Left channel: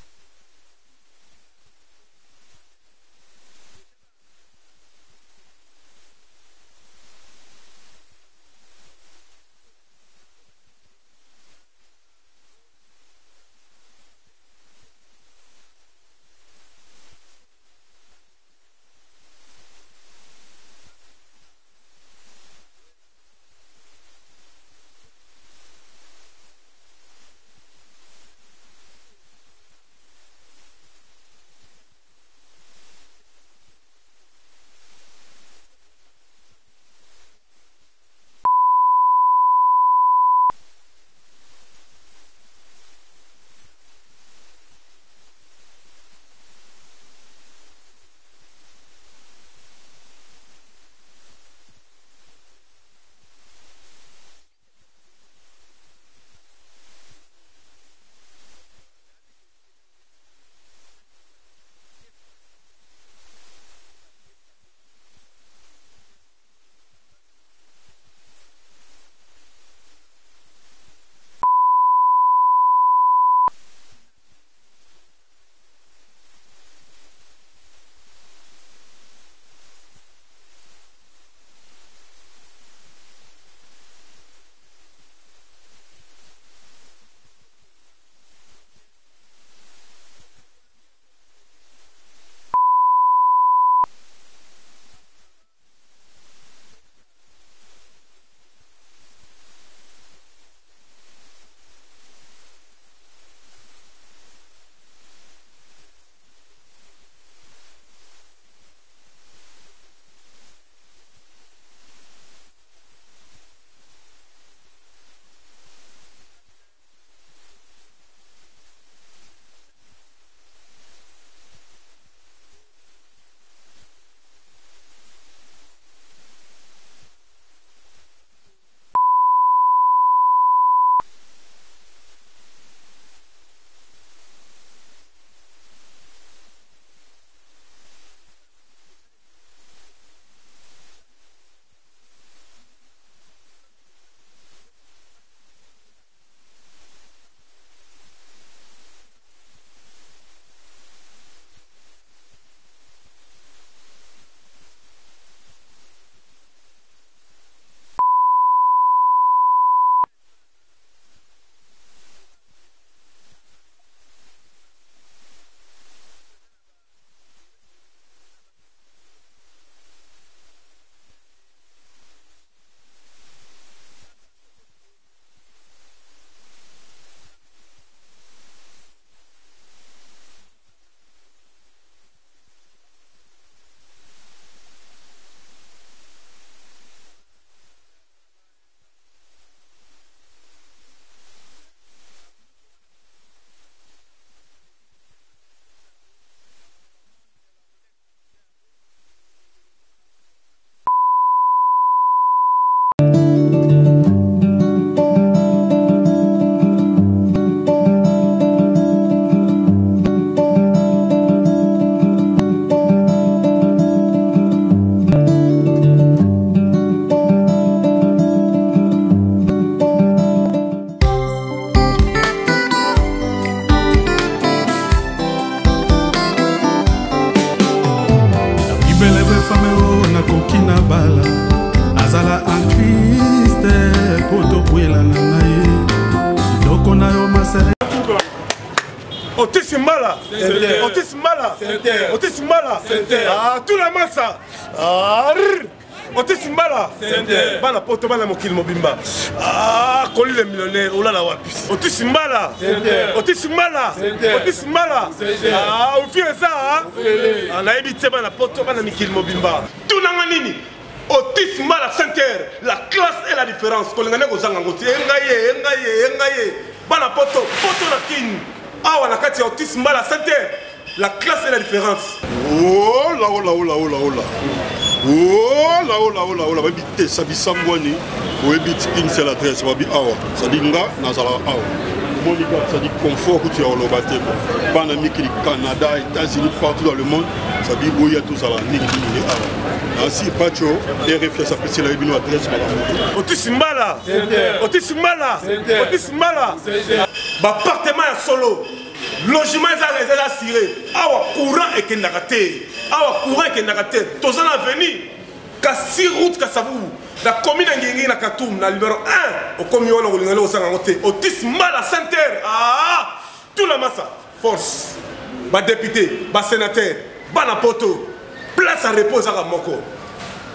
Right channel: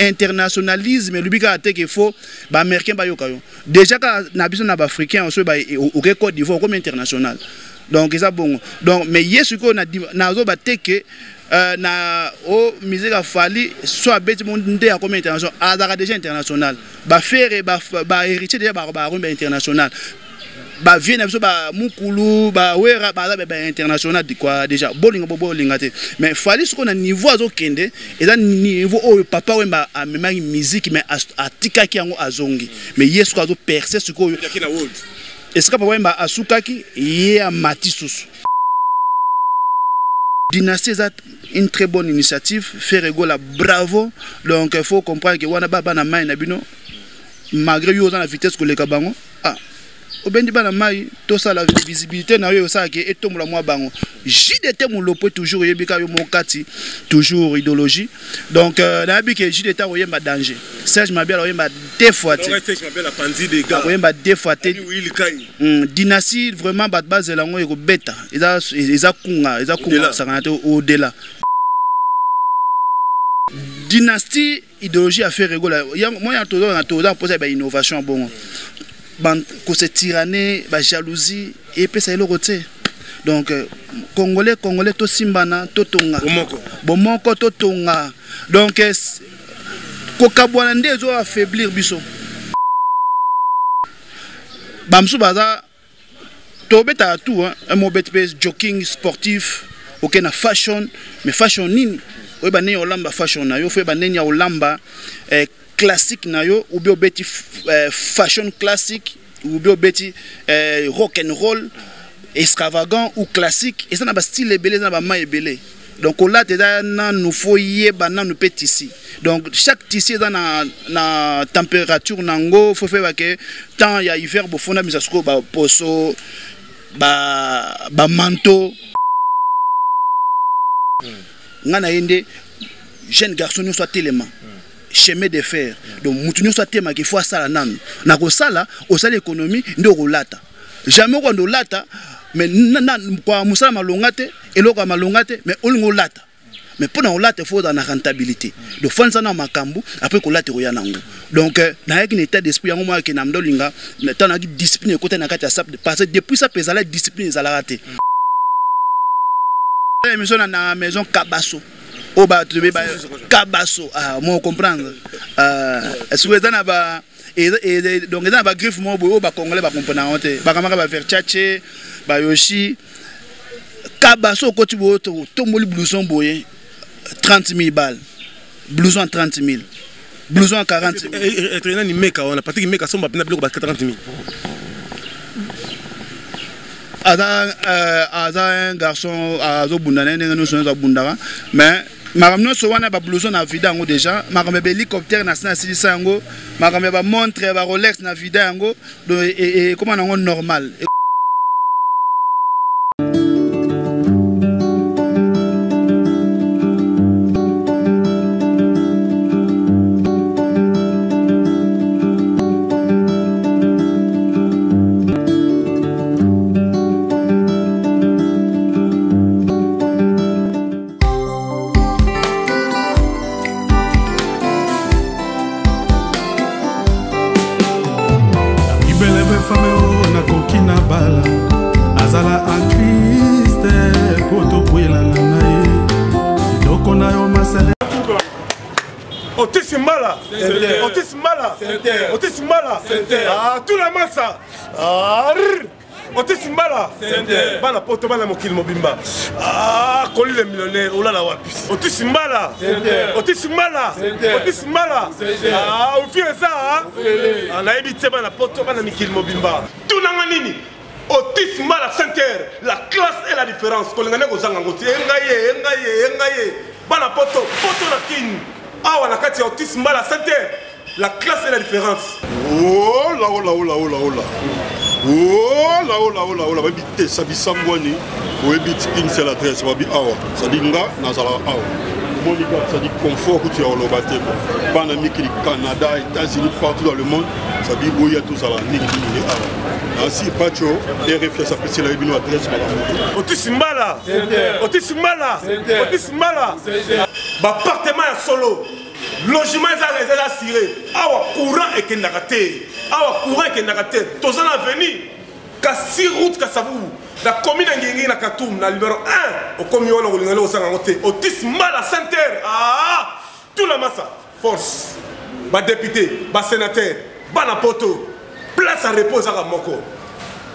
internationalisme lubika ate qu'il faut ba américain ba yokayo déjà ka na biso na ba africain on se ba au Côte d'Ivoire comme international donc ça bon donc mais yesu ko na zo ba teke na o musique a fallu soit bête monde ya comme international azaka déjà international ba faire ba héritier déjà ba international ba vienne biso ba mukulu ba wera ba international di quoi déjà bolinga te mais fallait ce qu'on a niveau azo kende et ça niveau o papa wemba a même musique mais atika ki yango azongi mais yesu ko azo percer ce ko et ce que papa wemba asukaki ye a matisusu Dynastie est une très bonne initiative faire rigoler bravo donc il faut comprendre que wana baba na mai na bino malgré yo dans la vitesse que les kabango obendi bana mai to ça la visibilité na yo ça ke etomula mwa bango JDT mon lopo toujours yebika yo mokati toujours idéologie donc na bi ke JDT oyemba danger Serge Mabel oyemba deux fois te Serge Mabel a pandi des gars oyemba deux fois te Dynastie vraiment bat base la ngo beta eza kunga ça au delà Dynastie idéologie a fait rigoler moi ya to poser ba innovation bon que c'est tyrannie, jalousie et puis ça est le côté. Donc congolais to simbana to tonga. Bomoko to tonga. Donc kokabwana ndezo affaiblir biso. Bamsu baza to beta tout un mot bet jogging sportif, OK na fashion, mais fashion nini? Oui ba ne olamba fashion na yo fe ba ne nya olamba classique na yo ou bien beti fashion classique ou bien beti rock and roll extravagant ou classique et ça na ba style belé na ba ma belé donc là na nous faut yeba na nous petit ici donc chaque tissu dans na température nango faut faire que tant ya hiver bo fona misasko ba poso ba manteau ngana yende jeune garçon nous soit tellement chemin de fer donc mutunyo soit tema qu'il faut ça nan na ko sala au sala économie ndo rolata jamais ko ndo lata mais kwa musala malongate eloko malongate mais olingo lata mais pour na olata faut dans la rentabilité donc fanza na makambu après ko lata roya nango donc na yaki état d'esprit yango moi ke na mdolinga na tana discipline côté na kati ya sap parce que depuis ça pesa la discipline za la raté maison na maison Kabasso o ba trouver ba Kabasso moi comprendre est-ce que ça na ba et donc ça ba griffe moi o ba congolais ba comprendre honte ba kamaka ba faire tchatché ba yoshi Kabasso ko tu bo to moli blouson boye 30 000 balles blouson 30 000 blouson 40 000 et ni meka on a pas dit meka so ba pena biloko ba 30 000 Aza un garçon azo bundana nous sommes bundara mais maramno so wana ba blouson na vida ngo déjà marambe hélicoptère na silisa ngo marambe ba montre ba Rolex na vida ngo et comment ngo normal kokina bala azala en Christ poto kwela na nae doko na yo masere Otisimala tout la massa Otisimala bana poto bana mokili mobimba koli le millionnaire olala wapi Otisimala ufieza anayebi te bana poto bana mikili mobimba tunanga nini Otisimala Center la classe et la différence kolengane kozanga ngoti engaye bana poto na kini awa na kati ya Otisimala Center la classe et la différence oh la babi te sabi sambwani oyebi une seule adresse babi awa sadi nga nazala awa monika sadi confort que tu as oloba te bana mikili Canada États-Unis partout dans le monde sabi boya tout ça la niki awa ainsi pacho RFS ça peut la bino adresse Otisimala appartement ya solo logement eza assuré awa courant ekendaka te awa courant ekendaka te toza na avenir kasi route kasavubu na commune ngingi na Katoum na numéro 1 okomi wana kolingana osanga ngo te Otis Mbala Center tout la massa force ba député ba sénateur bana poto place à repos à moko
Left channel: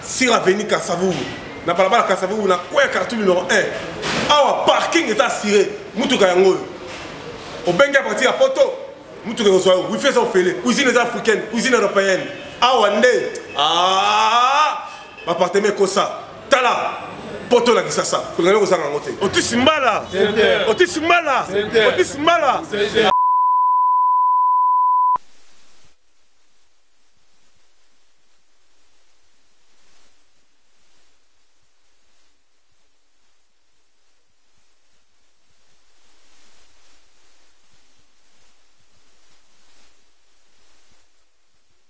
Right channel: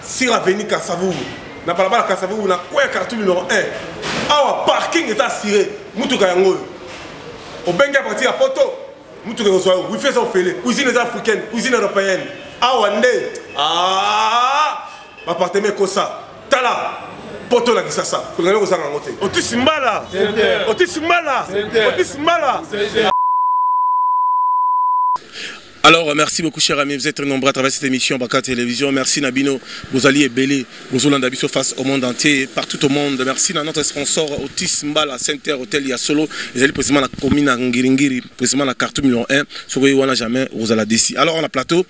sur avenue Kasavubu na balabala Kasavubu na kwa Katoum numéro 1 awa parking est assuré mutuka yango obenga parti à poto mutuka zo wifi za ofele cuisine africaine cuisine européenne awa nde appartement kosa tala poto la kisasa kulingana kozanga ngo te Otis Mbala Otis Mbala Otis Mbala. Alors, merci beaucoup, chers amis. Vous êtes très nombreux à travers cette émission Baka Télévision. Merci, Nabino. Vous alliez belé. Vous allez Nabiso face au monde entier, partout au monde. Merci à notre sponsor, Otis Mbala Center Hotel Yasolo. Ils allaient précisément la commune à Ngiringiri, précisément la carte numéro 1. Sur le on n'a jamais, vous allez décider. Alors, on a plateau.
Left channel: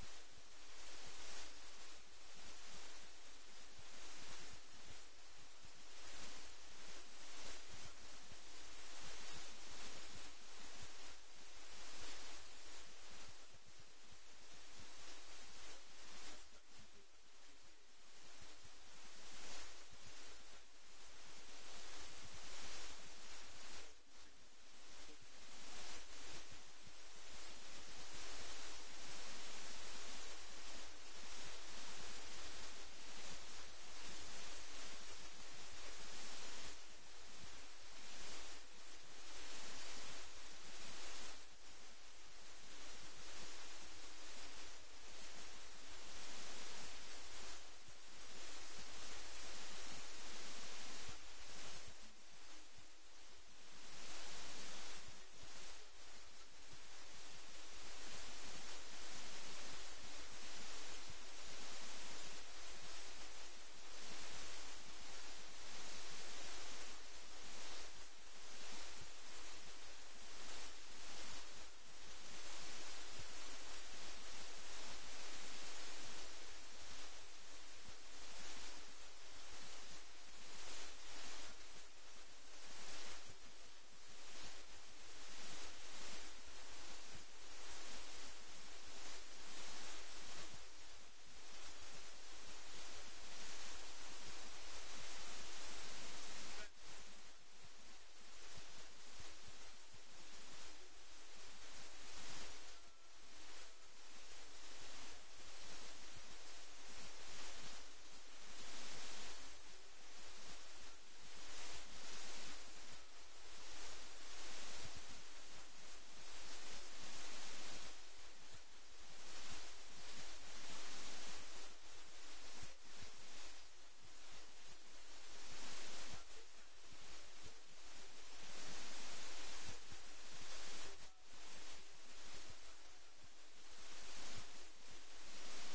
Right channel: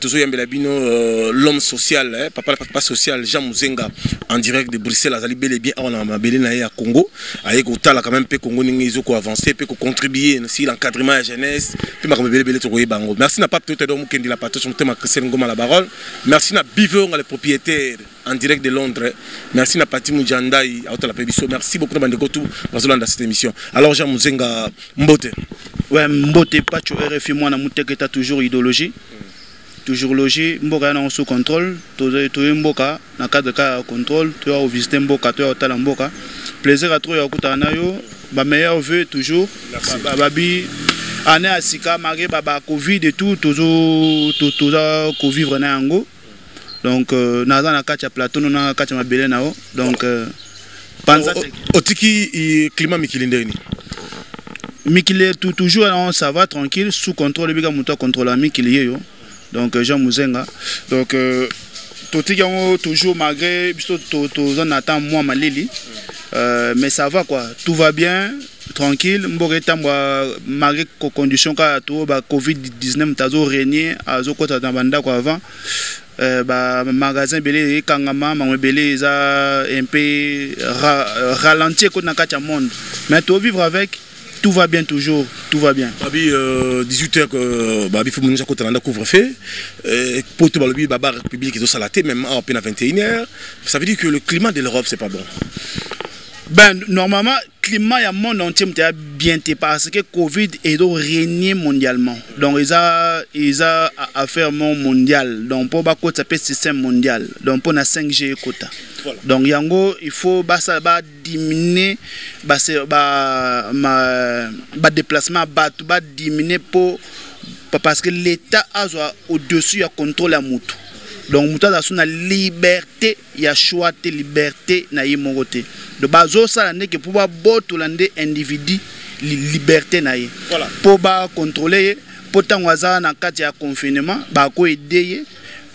Toujours Yambé Labino, l'homme social, papa social, Jean Muzenga, en direct de Bruxelles. Azali belé bien. On a belé naé à Congo. Avec Otala, quand même, peu Congo n'ingizo ko avancer, peu contribuer si l'encadrement à la jeunesse. Peu ma belé belé to Bango. Merci à Pape Toto Mukendi la Pato, je m'appelle Christian Ngoma la parole. Merci à Bivon, les propriétaires en direct de Londres. Merci à Pati Moudjandai, à la Pébiso. Merci beaucoup de Bandegotou dans cette émission. Alors, Jean Muzenga Mbote. Ouais, Mbote, pas tu RFI, moi, na toujours idéologie. Toujours logé, Mboka est sous contrôle. Tu es Mboka, dans le cadre de contrôle, tu as visité Mboka, tu as au Mboka. Plaisir à trouver à Koutanayo. Ma meilleure vœu toujours. Babi. Année à Sika, malgré baba Covid et tout, toujours co-vivre na yango. Donc naza na kacha plateau na kacha mabele nao. Donc panza otiki climat mikilinde ni. Mikile toujours ça va tranquille sous contrôle biga muto contrôle mikilié yo. Donc Jean Muzenga. Donc totiki yango toujours malgré biso to attend moi malili. Mais ça va quoi, tout va bien. Tranquille, malgré les conditions que Covid-19 tazo régné à Zokota Tambanda avant, magasin belé kangama belé un peu ralenti qu'on a monde. Mais tout vivre avec, tout va bien toujours, tout va bien. 18h que babi faut nous côté dans couvre-feu pour tout le baba République est au salaté même à peine à 21h. Ça veut dire que le climat de l'Europe c'est pas bon. Ben, normalement, le climat du monde entier est bien parce que Covid est régné mondialement. Donc, il y a affaire mondiale. Donc, pour ça peut système mondial. Donc, pour la 5G quota. Voilà. Donc, il faut diminuer le déplacement, diminuer parce que l'État a au-dessus du contrôle à Moutou. Donc, Moutou a la liberté, il y a choix de liberté, na yimogote. De bazo ça n'est que pour botolandé individu liberté na ye. Voilà. Pour contrôler, pour tant waza na kati ya confinement, ko aider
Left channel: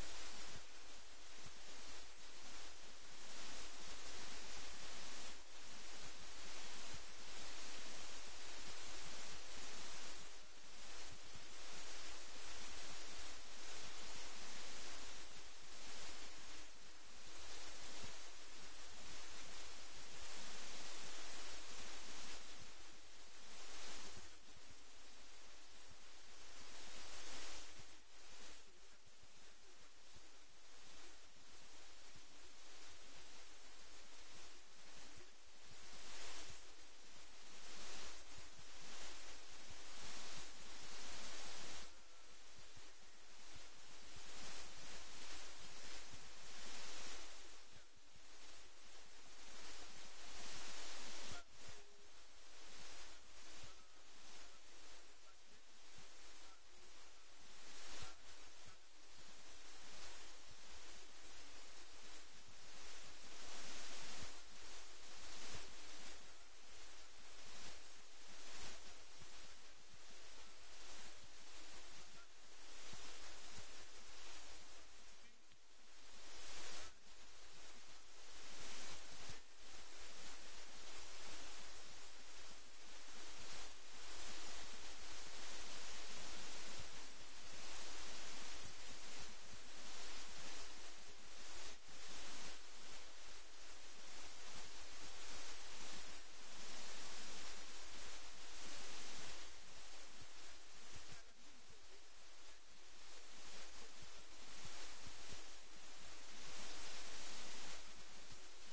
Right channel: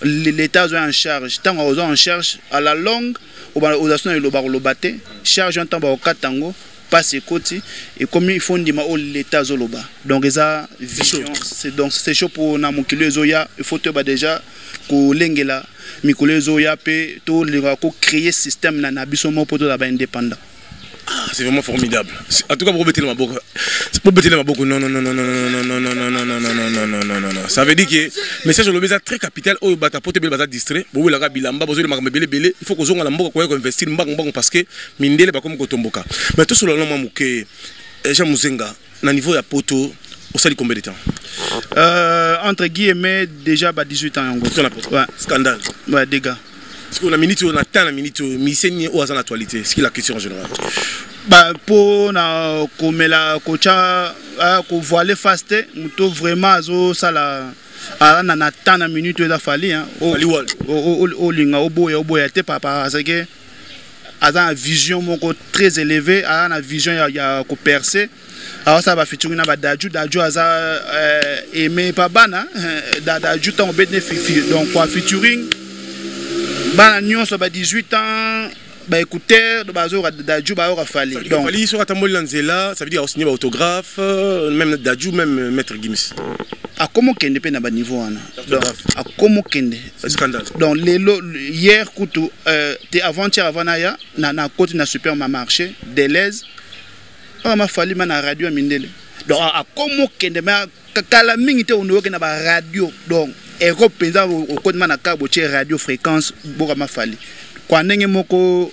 l'État en charge. Tant en charge à la longue, aux assurances le baté, charge un temps ba katango. Passe côté et comme ils font l'État zoloba. Donc ça c'est chaud pour na mokilo zoya, il faut déjà ko lengela mikolo zoya pe to créer système na biso mo poto la ba indépendant. C'est vraiment formidable. En tout cas, pour bêter ma boca. Pour bêter ma boca, non. Ça veut dire que le message de l'obésité très capital. Oh, bata pote bel bata distrait. Bon, la bilamba, bozo le makambe belé. Il faut que zonga la mboka kwa investir mbang parce que mindele ba comme kotomboka. Mais tout sur le long mamuke Jean Muzenga na niveau ya poto au sali combien de temps? Entre guillemets déjà 18 ans en gros. Ouais. Scandale. Ouais, dégâts. Est-ce qu'on a minute, on attend la minute, mi-saigne ou à l'actualité? C'est la question en général. Pour na comme la coacha ko voiler faste, muto vraiment zo sala na attend la minute da fali hein. O linga oboya te papa parce que a une vision moko très élevée, a une vision ya ko percer. Alors ça va featuring na daju aza aimé pas bana daju tant bénéfice donc quoi featuring bana nyonso ba 18 ans ba écouteur de bazo daju ba ora fali donc fali sur atamboli lanzela ça veut dire signer autographe même daju même maître Gims a comment kende pe na ba niveau wana donc a comment kende scandale donc hier kutu avant-hier avant na côté na supermarché Deleuze ma fali ma na radio mindele donc a comme kende ma kala mingi te onoke na ba radio donc ero penza o kodma na kabo che radio fréquence boka ma fali kwa ndenge moko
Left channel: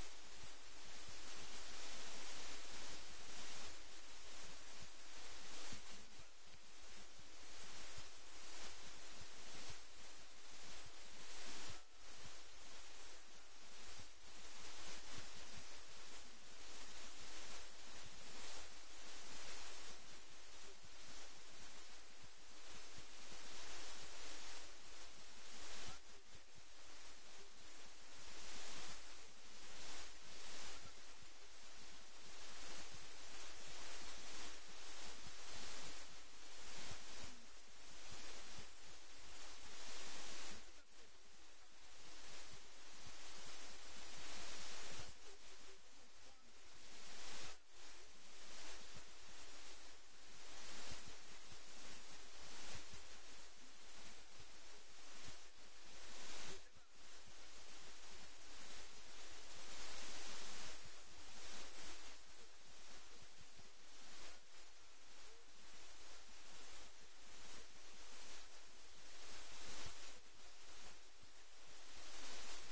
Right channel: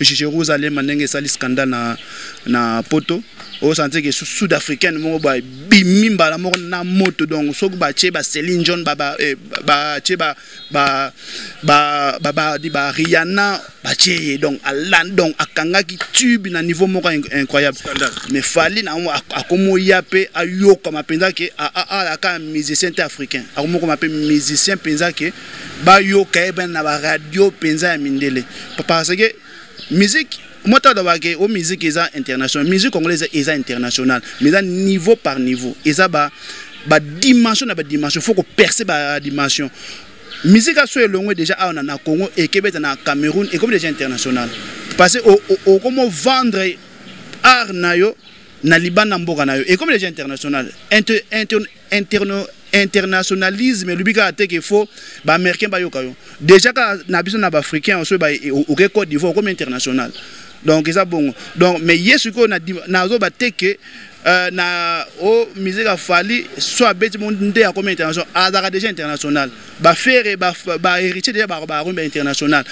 Jérusalem ndenge sali scandale na poto au senti que sud-africaine mo ba bimimba la moko na moto donc so ba che ba Céline John ba che ba Rihanna ba che donc alan donc akanga ki tube na niveau moko incroyable mais fali na akomo yape ayoka mapenza ke a ka musicien africain akomo ko mape musicien penza ke ba yoka ben na ba radio penza ya mindele parce que musique moi t'as au musique internationale musique congolaise est internationale mais niveau par niveau et ça ba dimension na ba dimension faut que percer ba dimension musique a soit longue déjà na Congo et Québec na Cameroun et comme déjà international parce que comment vendre art nayo na Liban na mboka nayo et comme déjà international internationalisme le bika ate qu'il faut ba américain ba yokayo déjà ka na biso na ba africain on soit ba au Côte d'Ivoire comme international donc ça bon donc mais yesu ko na zo ba teke na o musique a fali soit bête monde ya comme international azaka déjà international ba faire ba héritier déjà ba international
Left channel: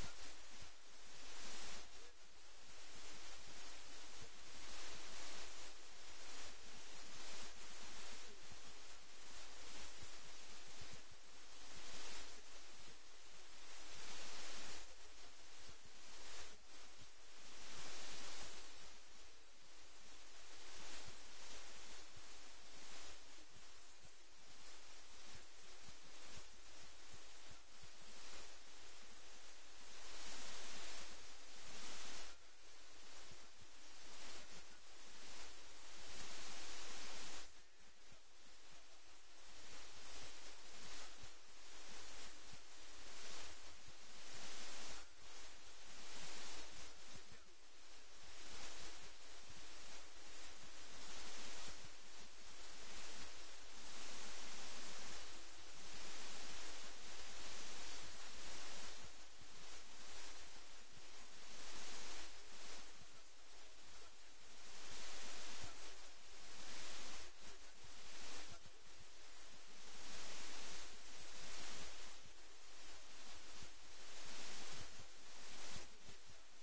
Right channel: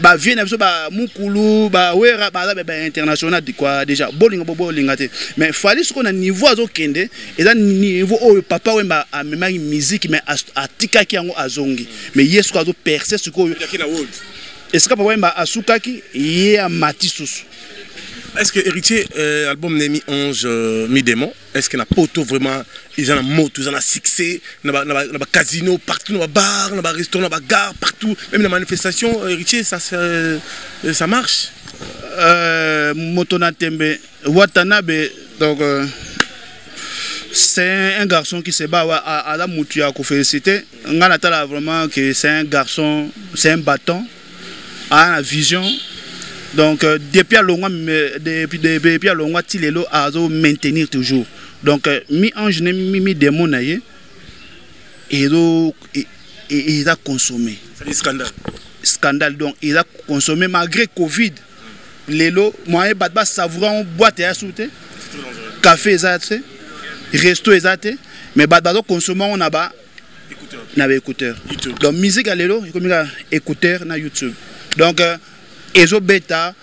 ba vienne biso ba mukulu ba wera ba international di quoi déjà bolinga te mais fali ce qu'on a niveau azo kende et ça niveau o papa wemba a même musique mais atikaki yango azongi mais yesu ko azo percer ce ko est-ce que papa wemba asukaki ye amati susu. Est-ce que héritier album Nemi Ange mi démon est-ce que na poto vraiment ils en a moto ils en a succès na casino partout na bar na restaurant na gare partout même la manifestation héritier ça marche moto na tembe Watanabe donc c'est un garçon qui se bat à la mouture à féliciter ngana tala vraiment que c'est un garçon c'est un bâton a la vision. Donc depuis à longtemps Tilelo a maintenir toujours donc mi ange mi démon naie et il a consommé scandale donc il a consommé malgré Covid lelo moi batba savourant boîte à souté café exact resto exact mais batba consommé on a ba écouteur donc musique à lelo comme écouteur na YouTube donc ezo beta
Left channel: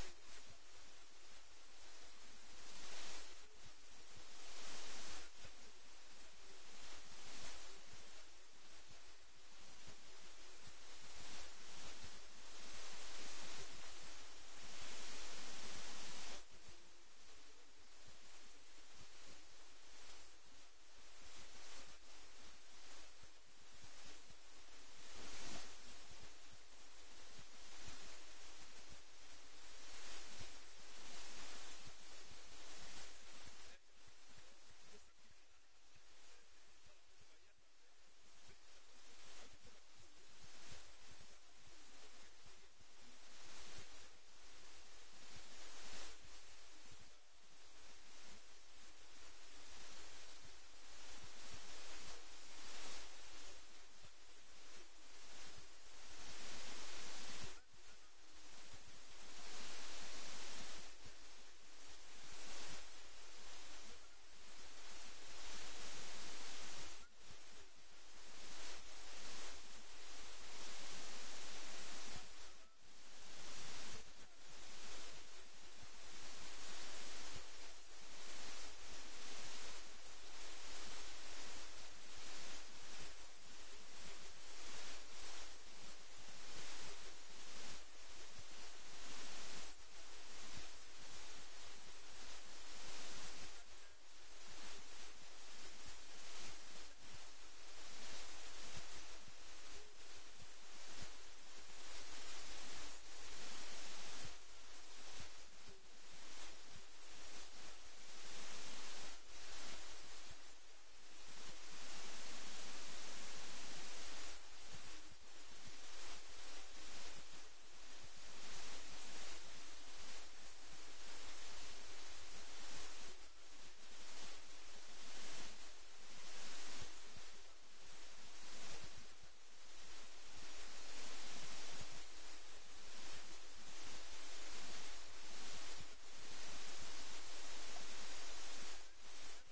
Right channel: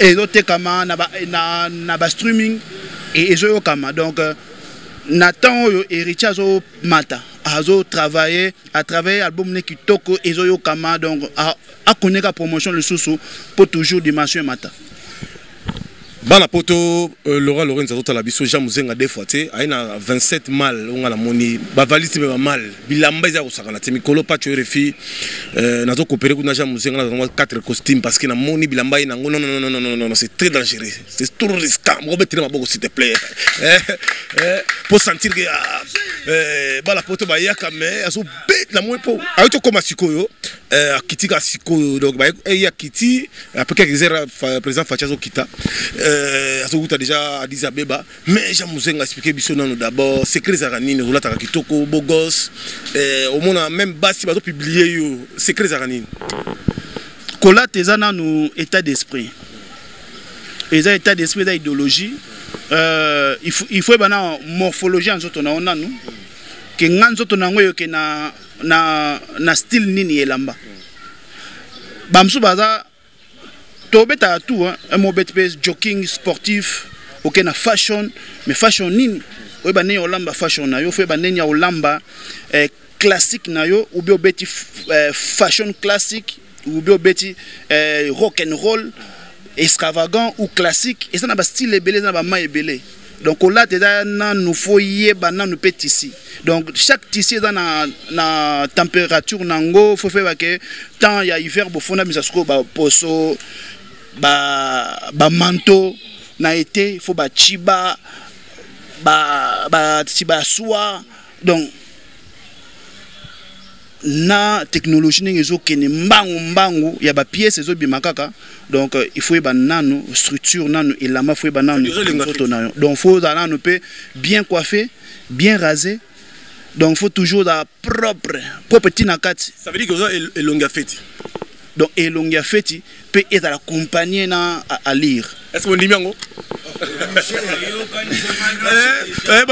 ezo tekama na ba streaming et ezo kama donc Nathan oyo héritier azo mata azo travailler à travers album ne kitoko ezo yo kama donc a connaître promotion le sous pour toujours dimension mata bana poto Laura Lorenzo tota la biso ja muzenga des fois té aina 27 mal on la moni ba valise ba mal bilamba za kusakana te mikolo pa tu refi nazo coopérer kuna ja muzenga na 4 costumes parce que na moni bilamba ina non c'est très dangereux c'est tout risqué mo betira maboko s'il te plaît pour sentir que bana poto ba yaka mais aso bet la mo po aito comme sikoyo akitika sikoyo donc ba ya kiti après que président Fachazo kita Azoguta déjà Addis Abeba mais j'aime expliquer bisonano d'abord secret zaranine rolata kitoko beau gosse au monde même basi bazo publier yo secret zaranine kola tezana nous état d'esprit état d'esprit d'idéologie il faut bana morphologie en zoto na ona nous que nganzo to nango yo ke na style nini elamba bamsu baza tobeta tout un mot bête jogging sportif ok na fashion mais fashion nini we ba ne olamba fashion na yo fe ba ne nya olamba classique na yo ou bien beti fashion classique ou bien beti rock and roll extravagant ou classique et ça na ba style ebele na ba ma ebele donc là na nous faut yeba na nous petit ici donc chaque tissu dans na température nango faut faire que tant il y a hiver bofona misasko ba poso ba manteau na été faut ba chiba ba soie donc na technologie n'ezo kene mbangu ya ba pièces ezo bimakaka donc il faut ba nano structure nano elama faut ba nano donc faut za nano pe bien coiffé bien rasé donc faut toujours la propre petit nakati ça veut dire que ça est longa fête donc elongia feti peut être accompagné à lire est-ce que on dit bien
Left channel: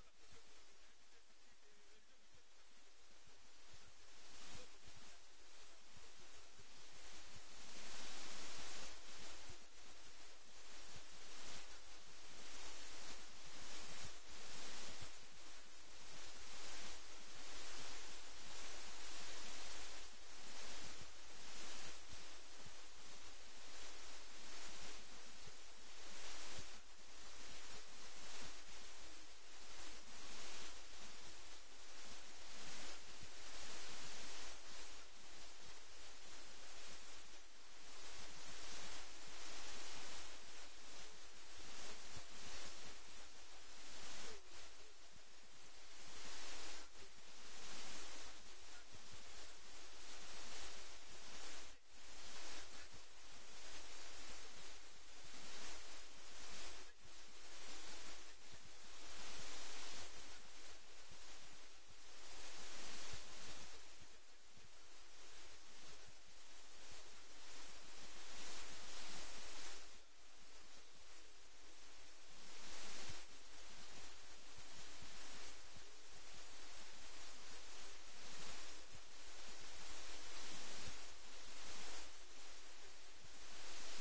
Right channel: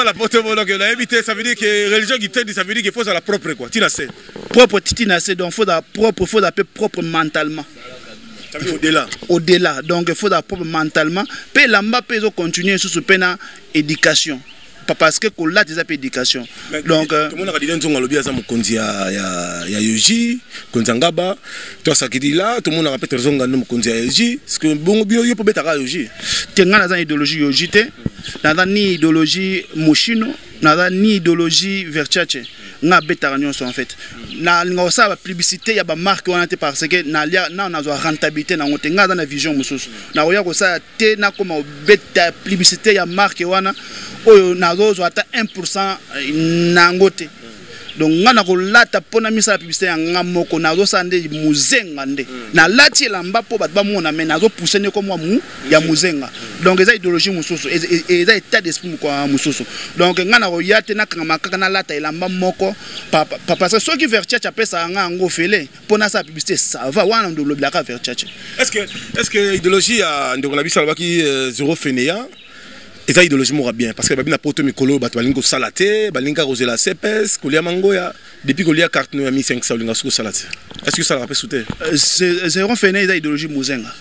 La poto la éviter, ça veut dire que religion qui t'aide, ça veut dire qu'il faut ça la propre quoi. Tu sais. Propre titinacé, donc faut la propre, faut l'appeler propre mentalement. Au-delà. Au-delà, donc il faut la propre mentalement. Puis là-bas, peut continuer sur ce peine éducation. Parce que là, tu as éducation. Donc, tout le monde a dit que tu as dit que Yoji, Konzangaba, tu as dit là, tout le monde a répété que tu as dit Yoji. Est-ce que bon, tu peux mettre à Yoji? Tu as une idéologie Yoji, tu as ni idéologie Moshino, ni idéologie Versace. Na bétaragnon en fait na ngosa ba publicité ya ba marque wana te parce que na na zo rentabilité na ngote nga na vision mususu na oya ko sa te na koma beta publicité ya marque wana oyo na zo ata 1% na ngote donc nga na ko lata pona misa la publicité ya nga moko na zo sande muzenga nde na lati elamba po bat ba mona mais na zo pousser ne comme mu ya muzenga donc eza idéologie mususu eza état d'esprit kwa mususu donc nga na ko yate na kanga kaka na lata elamba moko parce que ceux qui Versace apesa nga ngo fele pona sa publicité ça va wana ndo lobla ka Versace est-ce que idéologie ya ndeko na biso alobaki zéro fainéant et ça idéologie mora bien parce que babina poto mikolo bato balingo salate balinga rosé la CPS kolia mangoya depuis kolia carte no ya 1500 linga soko salate est-ce que ça rappelle souté c'est on fait une idéologie muzenga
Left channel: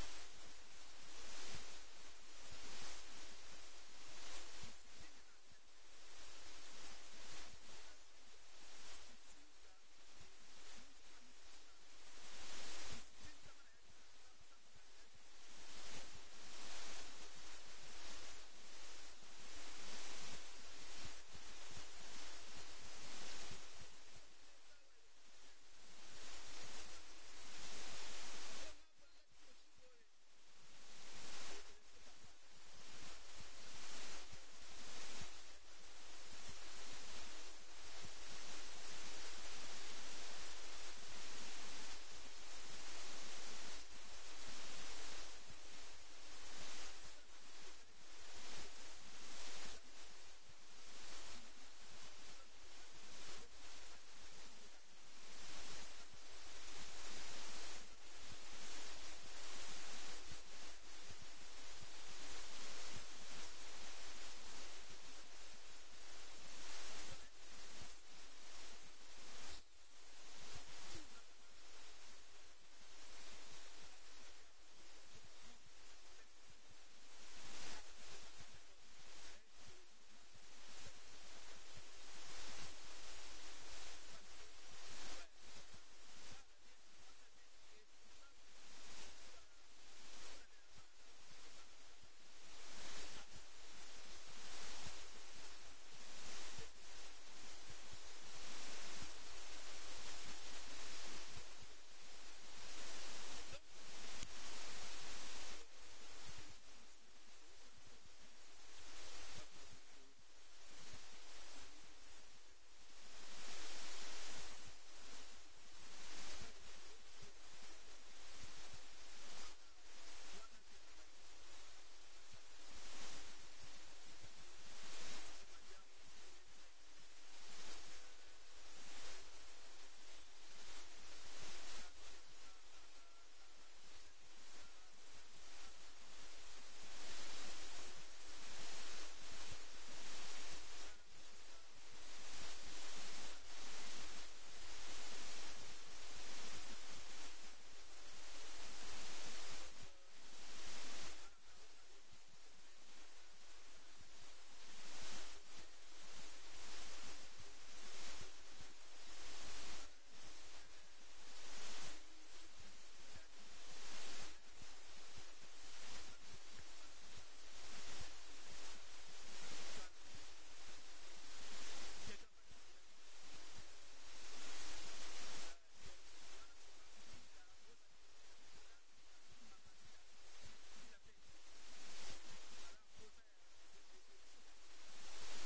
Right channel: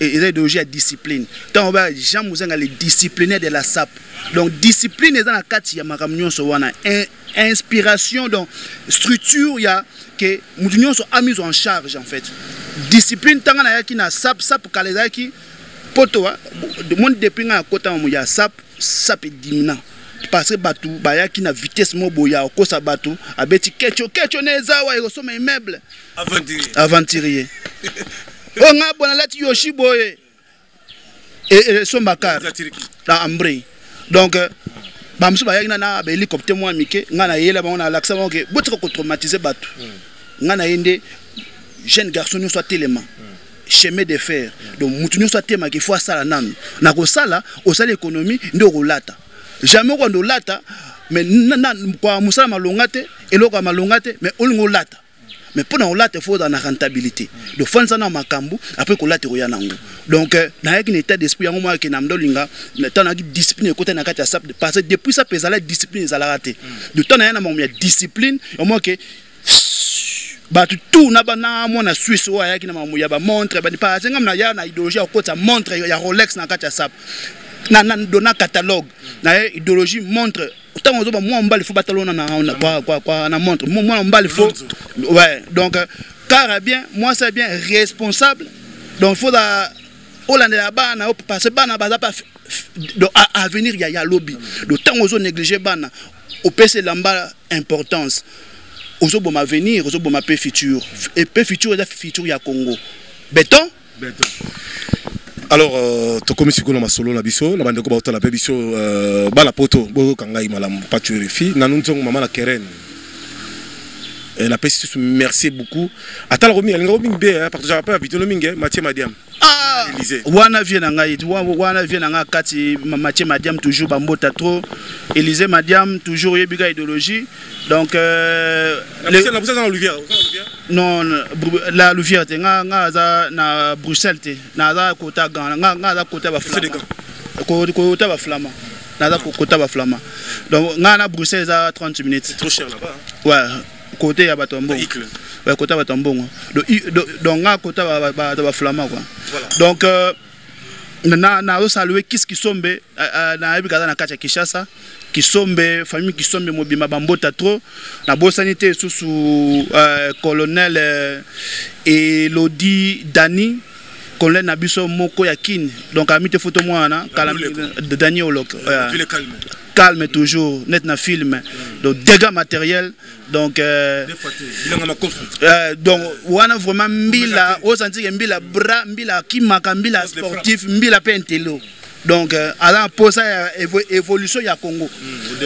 et idéologie à discipline tant ba Jean Muzenga les disciplinaires de la SAP donc discipline est dans la kati ya makamnyo so wana inspiration donc structure ya que mutunyo so a mis en charge en fait discipline tanga na yaki na SAP kalezaki poto de monde depuis nga kota mo ya sap dimina parce que batu bayaki na vitesse mo boya ko sa batu abeti kecho neza wa ko soma immeuble aventurier o nga bona lati yoshi boye et son bakar la ambre donc bamsu bayaki na ba hélicoptère mo amike nga na yela ba on a l'accès que botre ko traumatiser batu nga na yende jeune garçon soit tellement chemin de fer donc mutunyo soit tema qu'il faut ça nan na ko sala au sala économie ndo ko lata jamais ko ndo lata mais na kwa musala malongate eloko malongate mais olingo lata mais pour na lata faut dans la rentabilité donc fanza na makambu après ko lata ko yanango donc na yaki état d'esprit yango moi ke na mdolinga tana ki discipline côté na kati ya sap parce que depuis ça pesa la discipline ezala raté de temps na yana mo ya discipline au moins que batu tout na bana mona Suisse wa yaki na mamu ya ba montre ba pa senga na ya na idéologie ko ta montre ya Rolex na kati ya sap na dona catalogue na idéologie montre tant on ba moi mbali faut batalona na quoi na montre moi mbali faut ouais donc car bien moi c'est bien responsable donc faut da Hollande la bana parce que bana baza pas donc à venir il y a lobby donc tant on négliger bana au PC lamba importance aux bon avenir, aux bon paix futur. Et paix futur est la futur ya Congo. Béton. Alors, tu comme si on a solo la biso, la bande ko ba la biso ba la poto, bo kangai malam pas tu refi, na nous maman la Keren. Et la paix merci beaucoup. Attends remis, elle remis bien parce que j'avais pas habité le mingue, Mathieu Madiam. Ah, wana vient ngai, wana vient nga kati Mathieu Madiam toujours bambota trop. Élysée Madiam toujours yebiga idéologie. Donc la Louvière. Non, la Louvière nga za na Bruxelles te. Na za kota nga za kota ba flama. Kota ba flama. Na za kota ba flama. Donc nga na Bruxelles za 30 minutes. C'est trop cher là-bas. Ouais. Côté ya batombo ouais côté batombo donc nga côté ba flama quoi donc na saluer qui sombe na ebikaza na kacha Kishasa qui sombe famille qui sombe mobima bambota trop na bosanité sous colonel Elodie Dani colonel Nabiso Moko Yakin donc amite photo moi na de Dani Olok calme toujours net na film donc dégâts matériels donc donc wana vraiment mbila au senti que mbila bras mbila kimaka mbila sportif mbila pentelo donc ala posa évolution ya Congo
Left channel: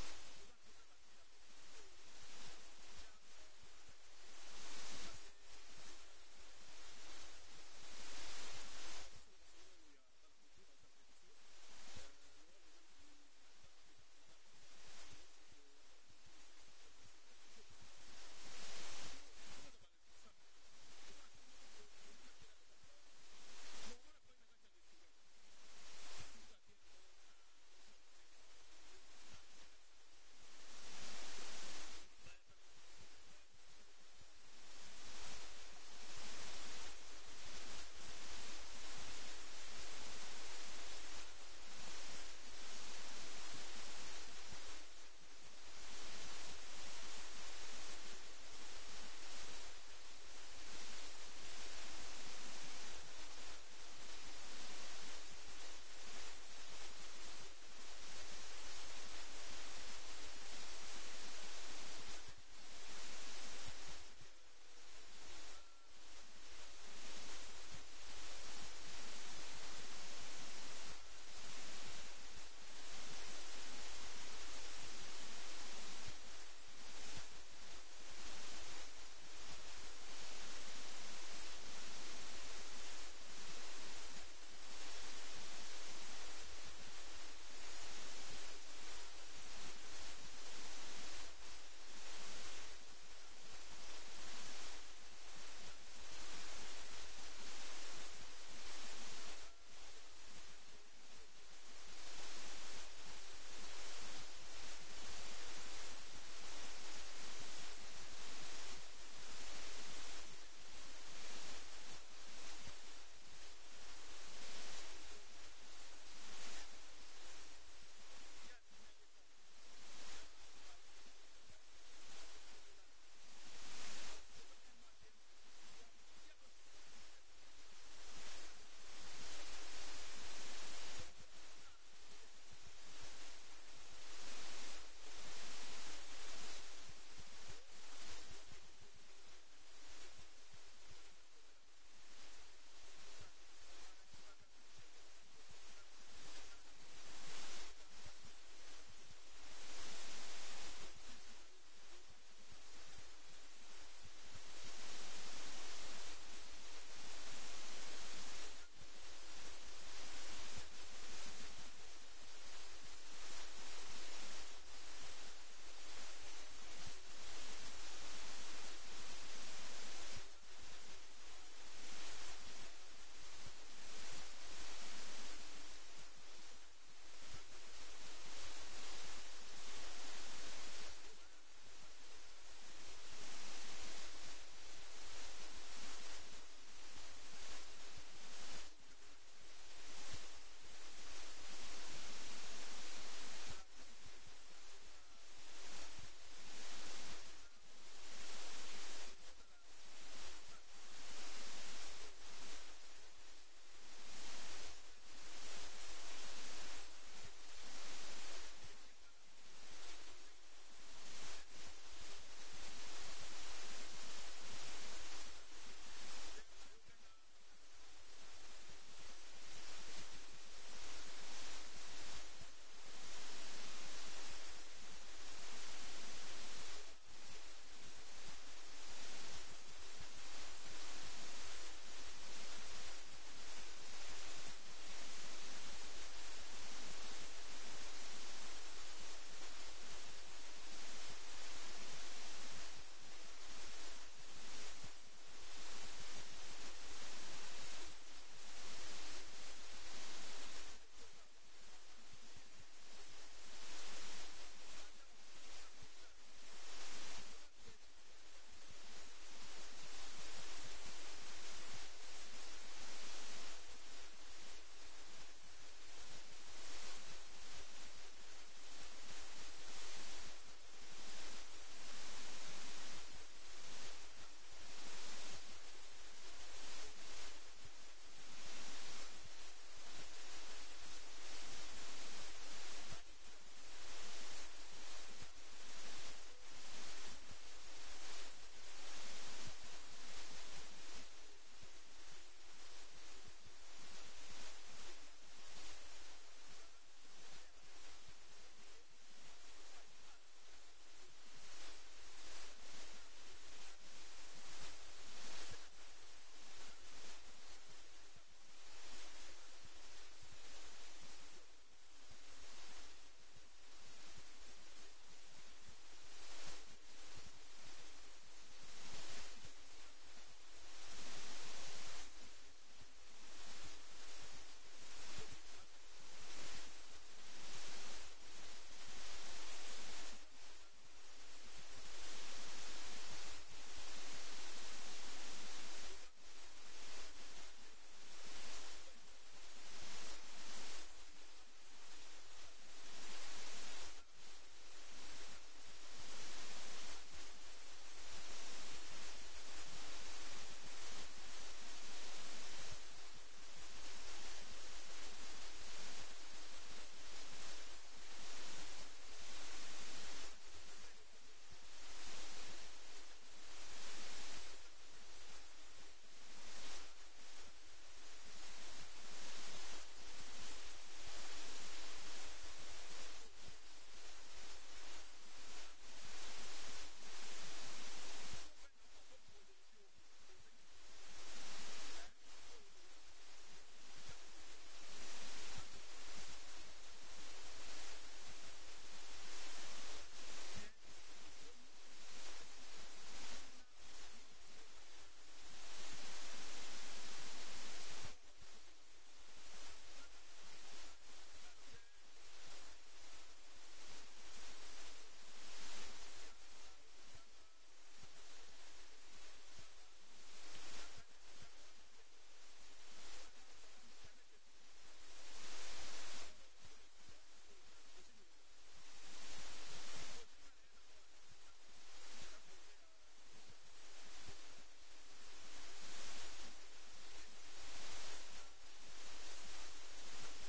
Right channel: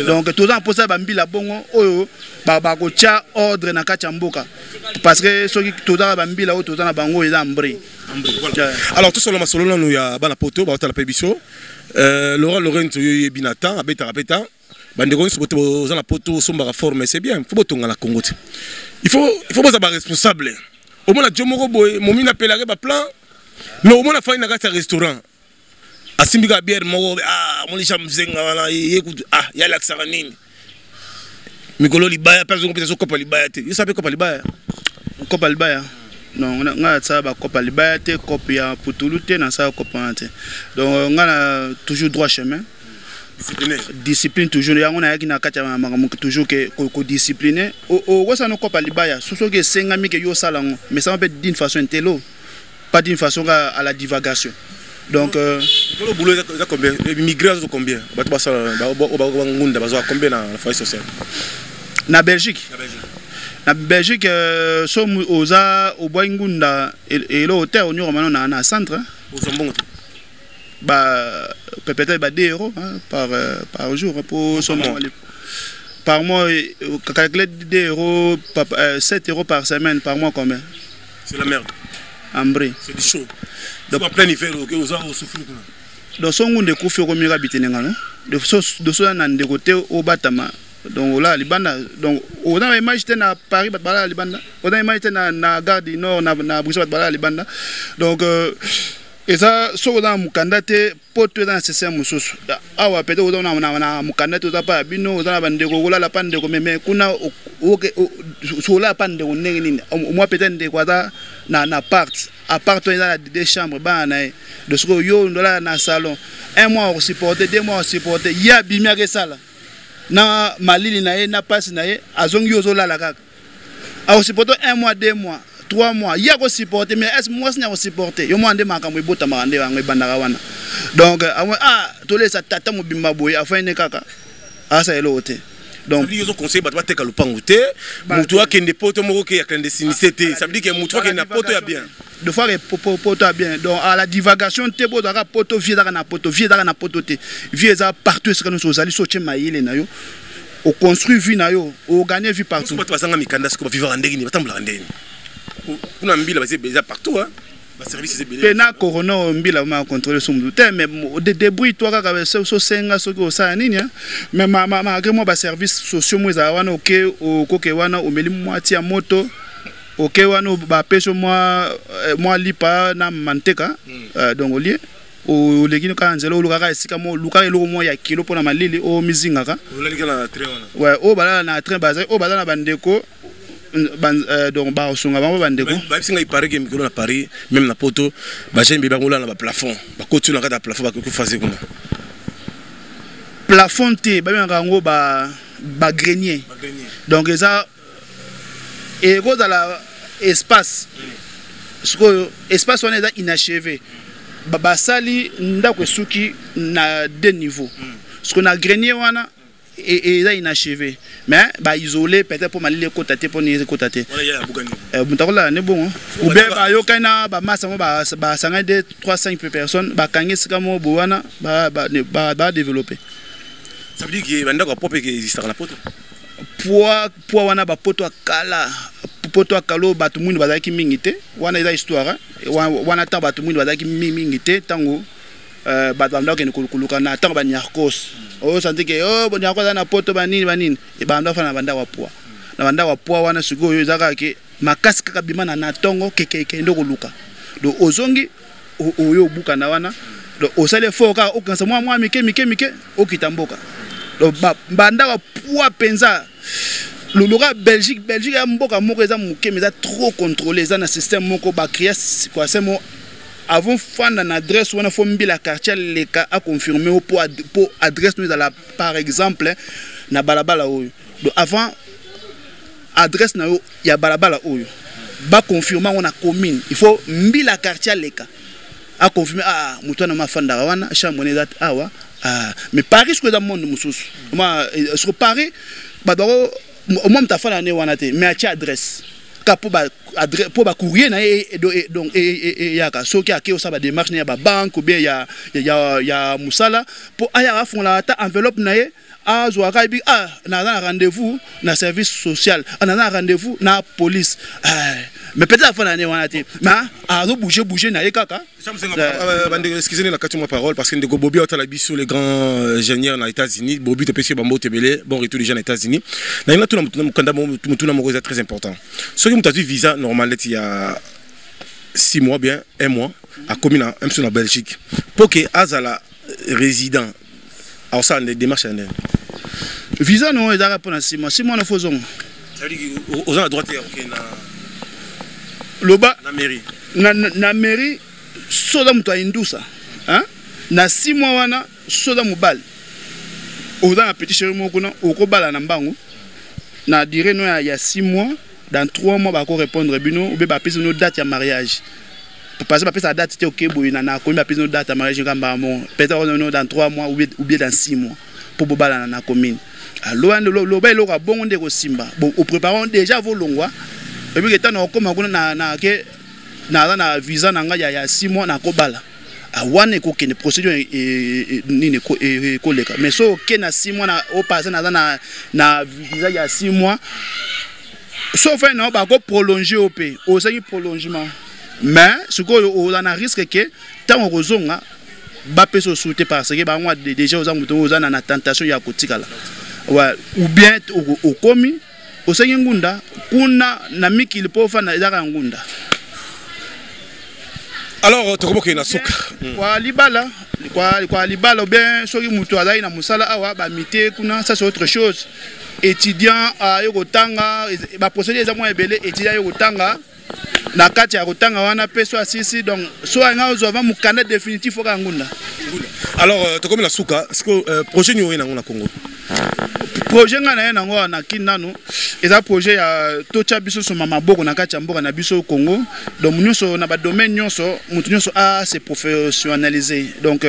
donc tout en posa ba mbila bongo oyo ba ko tia ordre na kati mboka parce que soki tout dans ba mbila o tout na bango eza mbri alors tout solo masolo nous ya bana poto ba la pébiso Laurent Lorenzo Binatan abeta rapeta bandeko nso bote boza na poto somba forme c'est bien faut botonga la Congo il faut boza ba responsable au moins la jomoko boy momina pelare ba plan mais au moins la fa na kati restaurant asimbika bière moko molisha mzenga wana yekutu yala kisaka nini mikolo libaya pe zongo pesa kopa libaya te yo sape kopa libaya non nga ça ba kopa libaya te kopa ya putulu te na ça kopa te donc nga na toujours droit chemin discipline toujours yango na yaki na kati ya makambo toujours que ko discipliner o ça no kopa libaya soso ke senga mi ke yo salango mais ça peut d'une façon intello pas d'une façon à la divagation. Donc le boulot est combien? Immigrés sont combien? Combien dans la foyer sociale? Na Belgique. Na Belgique sommes au Boingunda et l'hôtel au Nord maintenant na centre. Peut-être 2 € par jour pour son par mois calculer 2 €, 7 € par semaine par mois combien? C'est la merde. C'est du chaud. Donc en plein hiver, vous avez souffert. Donc son monde couvre comme il habite n'engano. De ceux nan de côté au Batama. Donc là libanda. Donc on a imagité na Paris batbala libanda. On a imagité na gare du Nord na Bruxelles batbala libanda. Donc et ça so dans mukandate poto dans système mususu. Awa peut-être on na mukandate to pa bino on na bande ko la pande ko mais kuna so la pande ko nini. Moi peut-être de quoi na part dans des chambres de ce que yo dans na salon 1 mois on supporter 2 mois on supporter ya bimia ke sala na malili na ye na passe na ye azongi yo zo la kaka a supporter 1 mois 2 mois 3 mois ya ko supporter mais est moi sina ko supporter yo mo ande makambo ibota mande wango ibandaka wana donc to lesa tata mo bimba boye afine kaka asa elote. Donc ils ont conseillé battre te kalupangu te mutu akende poto moko ke ya clandestinité te ça veut dire que mutu akende na poto ya bien de fois poto ya bien donc à la divagation te bo daka poto vie daka na poto te vie za partout ce que nous allons sortir maïle na yo au construire vie na yo au gagner vie partout bato basanga mikanda ce ko vivre ndenge ni batambula ndenge kuna mbila basa partout hein. Pena corona mbila ma contrôler son mutu mais de débrouille toi kaka so senga so ko sa nini mais ma que moi ba service sociaux moi za wana OK o koke wana o meli moitié ya moto OK wana ba peso moi lipa na manteka donc olié o legino ka nzelo o lukaka esika mo luka eloko mo ya kilo pona malili o mizingaka o lalika na train wana ouais o bala na train baza o bala na bandeko donc ba osonga bango bandeko ba singa ipare ke mikolo na Paris même na poto ba jembe ba ngola na ba plafond ba kotu na kata plafond ba ko fazer kuna plafond te ba ngo ba grenier donc ça et go dans la espace ce que espace on est inachevé ba sali ndako suki na 2 niveaux ce qu'on a grenier wana et là inachevé mais ba isolé peut-être pour malile kotate pour ni kotate voilà ya bugani mutakola ne bon ou be ba yokana ba massa mo ba sanga de 3-5 personnes ba kangisi kamo bowana ba développer ça veut dire que bandako popé que existe na poto poids wana ba poto akala poto akalo batu mundu bazaki mingite wana eza histoire wana ta batu mundu bazaki mingite tango batanda ke kuluka na tango ba nyarkos o santi ke bon nyarkos na poto banini e banda fa na banda wa poids wana siko yo zaka ke makasi kaka bimana na tongo keke ndo kuluka do ozongi oyo buka na wana do osale foka okansa mwa mike okitamboka do banda wa poids penza Lologa Belgique a mboka moko eza muke mais trop contrôlé ça na système moko ba créer quoi c'est mo avant fan na adresse wana fo mbila quartier leka a confirmer pour adresse nous la par exemple na balabala oyo donc avant adresse na yo ya balabala oyo ba confirmer on a commune il faut mbila quartier leka a confirmer mutu na mafanda wana chambre ne date awa mais Paris ce que dans monde mususu moi sur Paris ba au moins ta fana ne wana te mais a adresse ka pour ba courrier na donc yaka soki akeo sa ba démarche na ba banque ou bien ya musala pour aya font la ta enveloppe na ye azwaka bi na rendez-vous na service social na rendez-vous na police mais peut-être la fana ne wana te mais azo bouger na ye kaka excusez-moi la question parole parce que ndeko Bobi otala biso les grands ingénieurs na États-Unis Bobi te pesi bambo tebele bon retour des gens aux États-Unis na ina tuna mukanda mutuna moko c'est très important ce qui mutatu visa normal il y a 6 mois bien 1 mois à commune même sur la Belgique pour que azala résident. Alors ça, des démarches à visa non, ils ont pour 6 mois. 6 mois, nous faisons. Ça veut dire aux gens à droite, ok, na mairie. Na mairie, soda mutu indusa. Hein? Na 6 mois wana, soda mubal. Aux gens à petit chéri mokuna, au kobala na mbangu. Na dire non, il y a 6 mois. Dans 3 mois, on va répondre bino ou bien passer nos dates de mariage. Parce que sa date c'était ok, boy, na komi passer nos dates de mariage peut-être dans 3 mois ou bien dans 6 mois pour bobala na commune. Alors lo ba lo ka bon de ko simba. Bon, au préparons déjà vos longwa. Et puis étant na koma na visa na nga ya 6 mois na ko bala. A wane ko kene procédure ni ko leka. Mais so ok na 6 mois na au passer na visa ya 6 mois. Sauf que nous allons prolonger au pays, au prolongement. Mais ce qu'on a risque que tant qu'on a bappé sur soutien parce que déjà aux gens na na tentation ya kotika là. Ouais, ou bien au commis, au ngunda, kuna na miki le pauvre na ezaka ngunda. Alors tu comprends que na soka. Kwa libala bien soki mutu azali na musala awa ba mité kuna ça c'est autre chose. Étudiant à Yogotanga, ba procédure est moins belé étudiant Yogotanga na kati ya Yogotanga wana peso asisi donc soit nga ozova mu candidat définitif au Kangunda. Alors tu comme la souka, est-ce que projet ni na ngona Congo? Projet nga na ngo na kinano eza projet ya tocha biso so mama boko na kati ya mboka na biso Congo donc nyonso na ba domaine nyonso mutu nyonso a se professionnaliser donc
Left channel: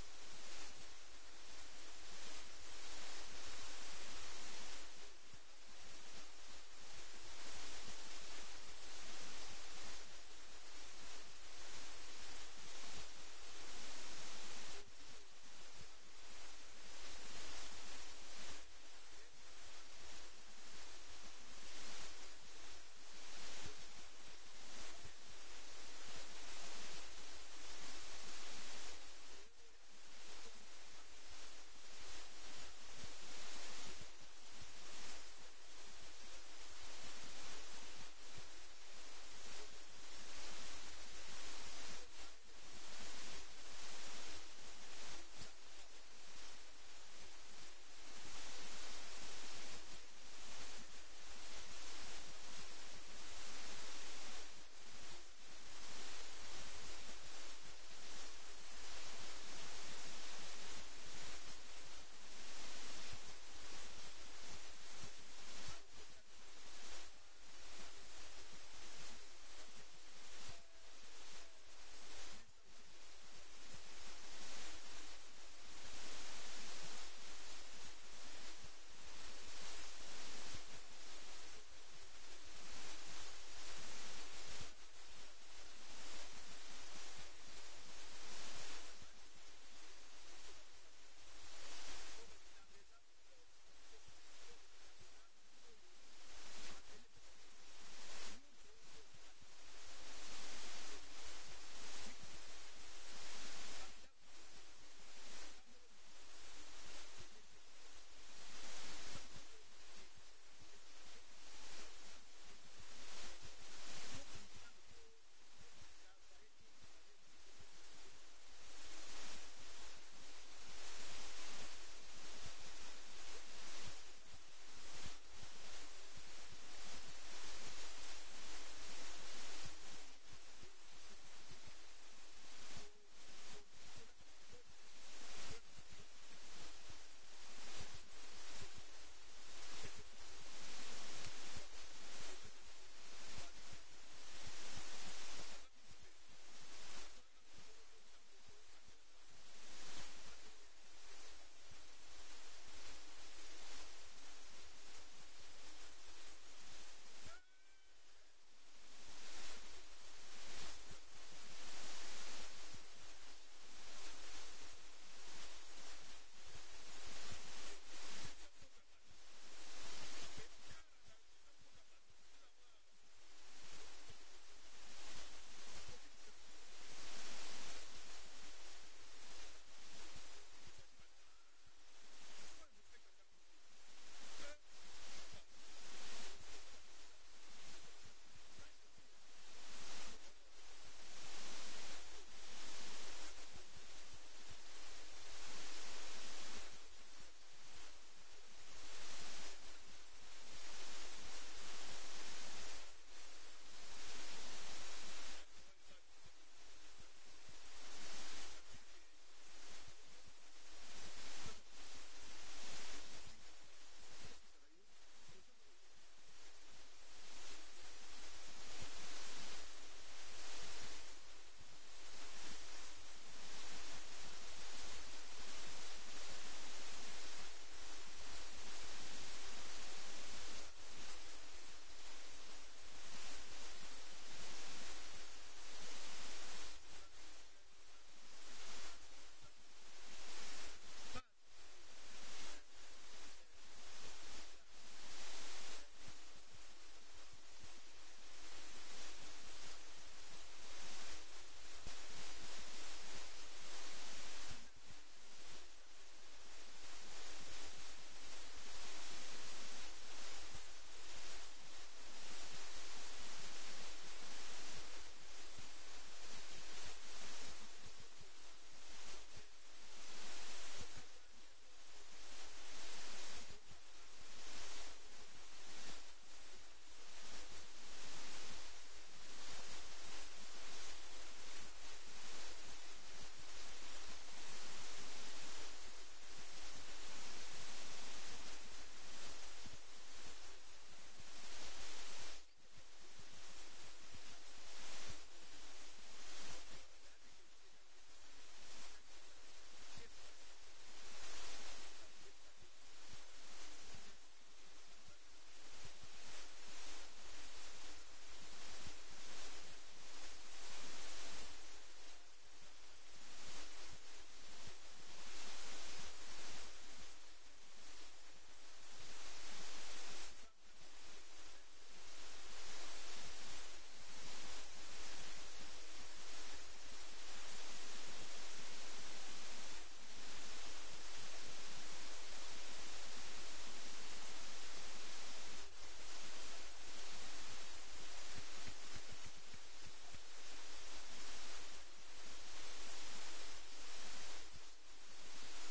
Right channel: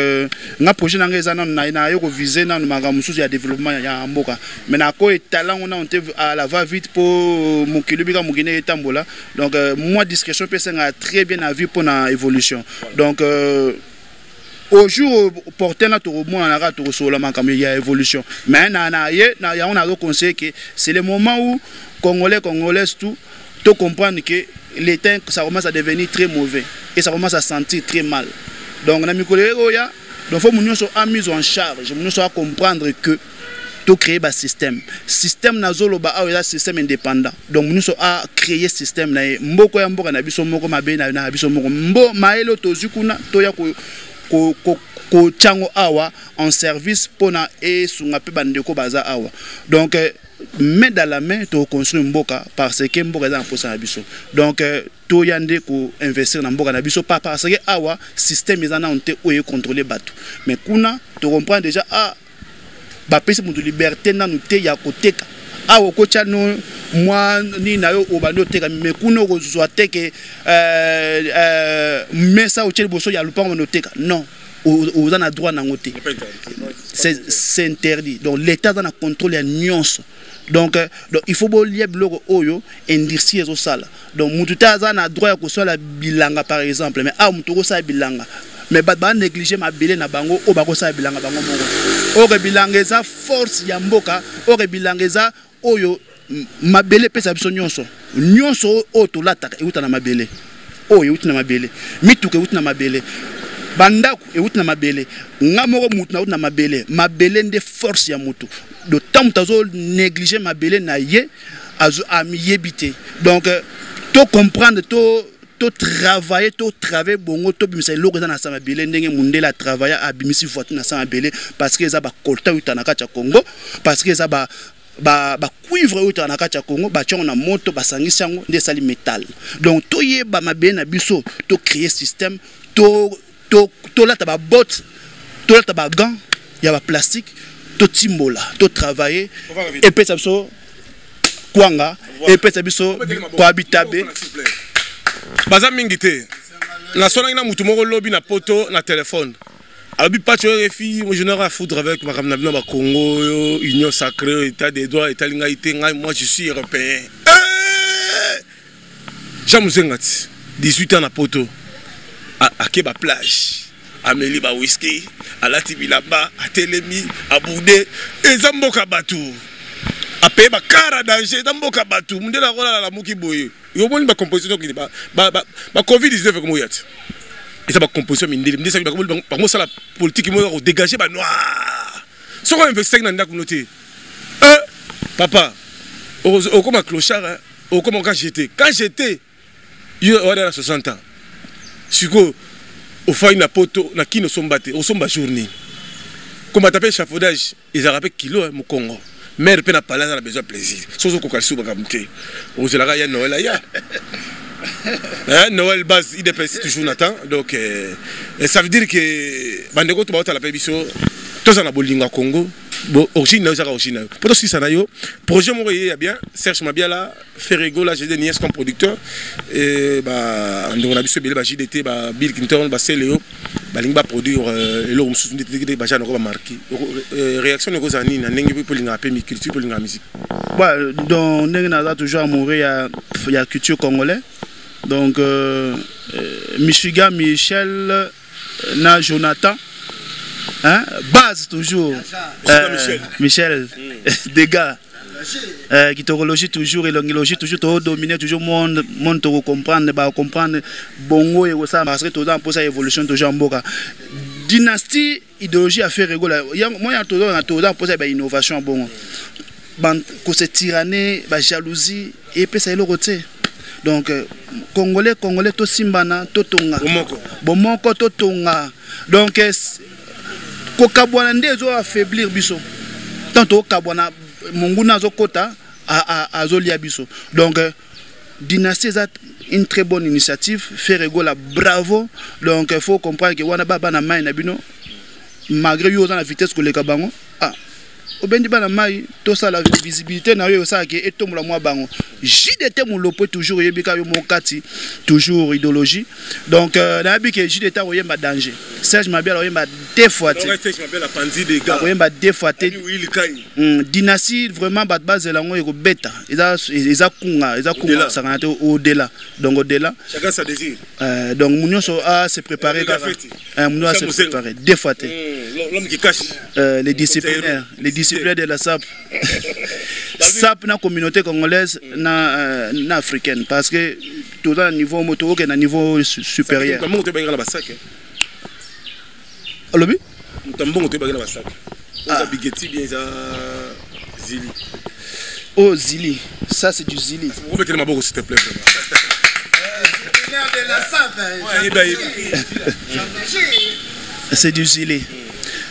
nga projet na ngeza na yo ko viser na manga mususu ya développement ya mboka mais na ko talent on a à la va vite pour mukilubika mugine etambola donc moi discrétion peut nga très bien à vue pour na évolution donc au jour porté là tout le monde a tout sur la il y a évolution mais on a conseillé que c'est le moment où congolais tout comprendre que l'état ça commence à devenir très mauvais et ça commence à sentir très mal donc na mikolero ya donc faut nous soit mis en charge nous soit comprendre que tout créer un système nazolo ba a système indépendant donc nous sommes à créer système na mboko ya mboka na biso moko mabe na biso moko mbo maelo tozukuna to ya ko chango awa en service pona et sunga pe bandeko baza awa donc main dans la main to construire mboka parce que mboka za posa na biso donc to yande ko investir na mboka na biso pas parce que awa système ezana onte oye contrôler bato mais kuna to comprend déjà ba pesi mutu liberté na nute ya koteka awa ko chano moi ni na yo obando teka mais kuno ko zoate que mais ça au boso ya lupango no teka non aux en a droit na ngote c'est interdit donc l'état dans la contrôle ya nyonso donc il faut bo lier blogo oyo industrie zo sala donc mutu ta za na droit ya ko sala bilanga par exemple mais mutu ko sala bilanga mais ba négliger ma bilé na bango o ba ko sala bilanga bango moko o bilanga eza force ya mboka o bilanga eza oyo mabele pesa biso nyonso o to lataka euta na mabele oyo euta na mabele mituke euta na mabele bandako euta na mabele ngamoko mutu na mabele nde force ya mutu de temps tazo négliger mabele na ye azo amiyebité donc to comprendre to travailler bongo to bimisa loko na sama bele ndenge mundela travailler abimisi voiture na sama bele parce que za ba kolta euta na kati ya Congo parce que za ba cuivre euta na kati ya Congo ba tiongo na moto basangisi yango nde sali métal donc to yeba mabele na biso to créer système to lata ba botte to lata ba gant ya ba plastique to timbola to travailler et puis ça biso kwanga et puis ça biso ko habitabe baza mingi te na sona ina mutu moko lobi na poto na téléphone abi pas tu refi moi je n'aurai à foutre avec ma ramna ba Congo union sacrée état des droits état linga ité moi je suis européen Jamuzengati 18 ans na poto à Keba plage à Meli ba whisky à la Tibilaba à Telemi à Boudé et Zamboka Batu à payer ba cara danger Zamboka Batu mundela rola la muki boye yo boni ba composition qui ba Covid 19 comme yat et ça ba composition mindeli ndisa ba mo sala politique mo dégager ba noir so ko investir na ndako noté papa au comme clochard au comme quand j'étais yo à 60 ans siko au faille na poto na kino sombate au somba journée Comme on appelle chafaudage, ils ont rappelé kilo au Congo. Mère peut n'a pas là, on a besoin de plaisir. Sauf qu'on calcule sur Bagamté. Aux Zélara, il y a Noël là. Noël base, il dépasse toujours Nathan. Donc, ça veut dire que Bandeko, tu vas à la Pébiso, tous en Abolinga Congo. Bon, origine, nous avons origine. Pour tout ça, projet mon il y a bien. Serge Mabiala, Ferrego, là, j'ai des nièces comme producteur. Et bah, on a vu ce billet, bah, JDT, bah, Bill Clinton, bah, Céléo, bah, l'ingba produire, et l'homme sous une détective, bah, j'ai un marqué. Réaction de Gozani, n'a n'engue pour l'ingba pays, culture pour l'ingba musique. Ouais, donc, on a toujours amouré, il y a culture congolais. Donc, Michigan, Michel, na Jonathan. Hein? Base toujours. Michel. Des gars. Qui te toujours et l'angiologie toujours te dominer toujours monde te comprendre bah comprendre bongo et ça parce que tout dans pour ça évolution toujours en boka. Dynastie idéologie à faire rigoler. Moi il y a tout dans pour ça innovation bongo. Que c'est tyrannie, jalousie et puis ça est le côté. Donc congolais to simbana to tonga. Bomoko to tonga. Donc kokabwana ndezo affaiblir biso. Tanto kabwana monguna zo kota a zolia biso. Donc dynastie est une très bonne initiative, faire la bravo. Donc il faut comprendre que wana baba na mai na bino malgré yo la vitesse que les kabango obendi bana mai to ça la visibilité na yo ça ke etombola mwa bango JDT mon lopo toujours yebika yo mokati toujours idéologie donc na bi ke JDT oyemba danger Serge Mabiala oyemba défoité Serge Mabiala pandi des gars oyemba défoité dynastie vraiment bat base lango eko beta eza kunga ça kana au delà donc au delà chacun sa désir donc munyo so a se préparer munyo a se préparer défoité l'homme qui cache les disciplinaires de la SAP. SAP na communauté congolaise na africaine parce que tout à niveau moto que na niveau supérieur. Comment tu vas la sac? Alobi? Tambon tu vas la sac. Ça bigeti bien ça Zili. Oh Zili, ça c'est du Zili. On mettre ma bourse s'il te plaît. C'est du Zili.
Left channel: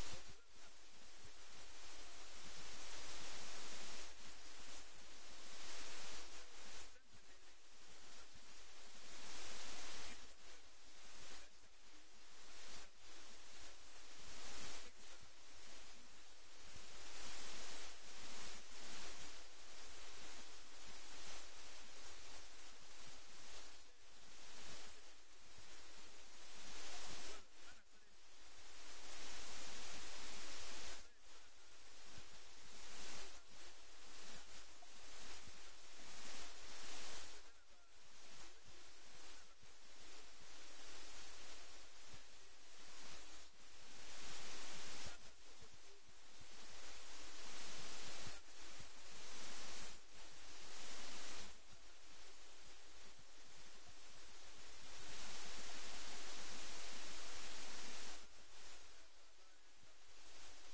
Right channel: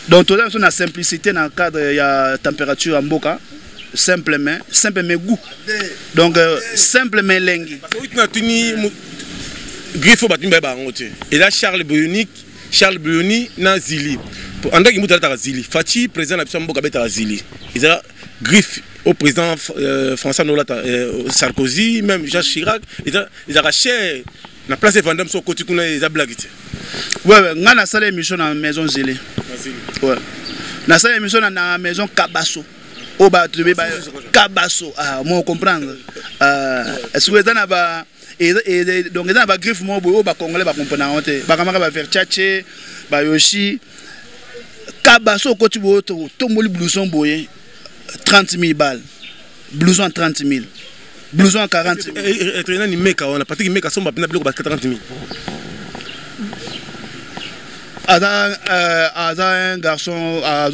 Donc, tout ça, la simplicité dans le cadre de la température en boca, simplement goût. Donc, simplement lengi. Et là, Charles Brioni, na Zili. En tant que Zili, Fati, président de la Mboka Beta Zili. Il a griffe au président François Sarkozy, même Jacques Chirac. Il a racheté la place de Vendôme sur côté qu'on a blagué. Ouais, on a salle émission dans la maison Zili. Ouais. Na salle émission dans la maison Kabasso. Oh bah tu veux Kabasso. Ah, moi comprendre. Est-ce que ça n'a pas et donc ça n'a pas griffe moi au bah congolais bah comprendre honte. Bah comment va faire tchatché, bah Yoshi Kabasso côté boto tomboli blouson boyé 30 000 balles. Blouson 30 000. Blouson 40 000. Et ni meka on a pas dit meka son bah 40 000. Un garçon à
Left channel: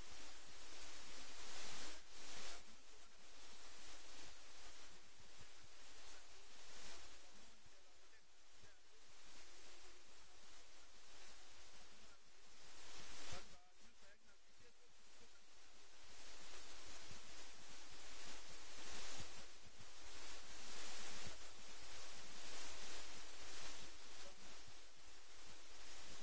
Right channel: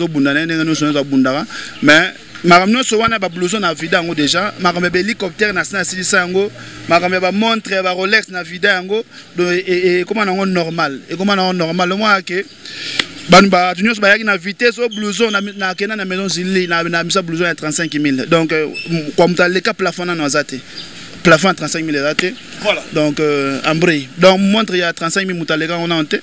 mais maramno so wana ba blouson na vida ngo déjà marambe hélicoptère na sango marambe ba montre ba Rolex na vida ngo et comment on normal et comment on normal moi que ban ba tunyo so ba yaki na vitesse au blouson na kena na maison Zili na misa blouson à 35 000 donc comme ta le cas plafond na azate plafond 35 000 raté. Voilà. Donc Ambry. Donc montre il y a 35 000 mutalega on a hanté.